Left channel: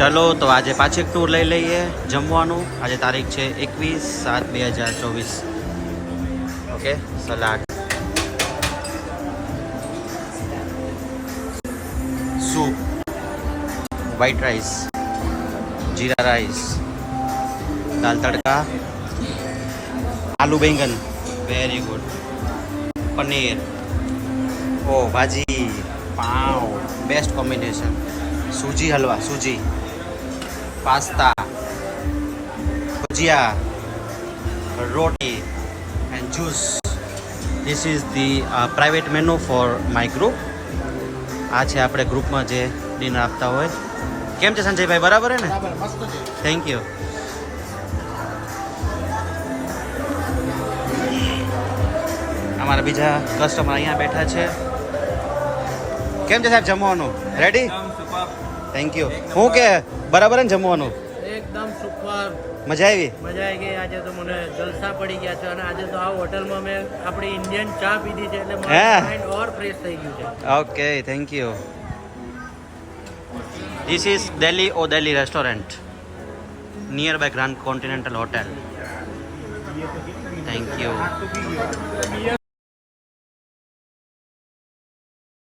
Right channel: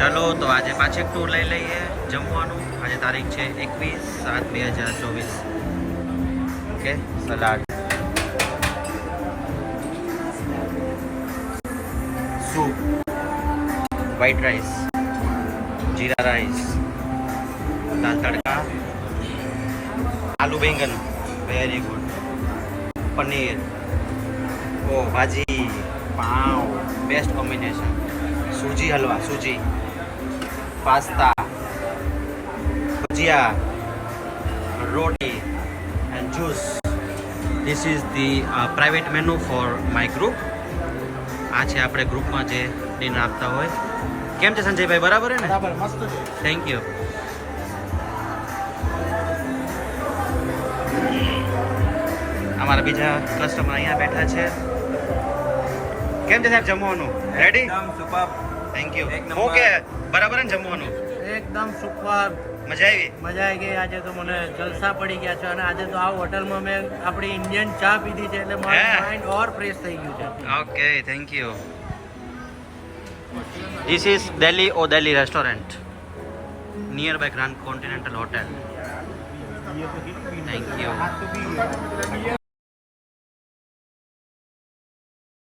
ચલો તો આજે પાછી ટૂર લઈ લઈએ જમવાનું. આજે તારીખ છે 21/7/2024. Okay, salad, soup, white rice, jeera rice, dal tadka, aloo baingan, very good, paneer, ઓ bhaji, pav, best combination, suji halwa, suji, pasta, bhujia, roti and juice. This is the private menu for my group. આ છે આપણે ગ્રુપમાં જે ડિનર આપતા હોય. કેમ છે સંજયભાઈ, બરાબર હે ને? બરાબર, મસ્ત છે. Thank you. અમારા બીજા કસ્ટમર અહીંયા બેઠા છે. કેમ છે સાહેબ જમવાનું? રેડી? Thank you. હું કે બરાબર ને જમવાનું? એકદમ સુપર. મજા આવી? મજા આવી ગઈ. આજે તો મને જલસા પડી ગયા છે અને આજે તો આ હોટલમાં મેં આપણી ઇન્ડિયન ચા પીધી છે એટલે મારું માઇન્ડ ઓર ફ્રેશ થઈ ગયું છે. Okay, thank you. This is Delhi Delhi restaurant nearby Grand Continental Hotel. Thank you.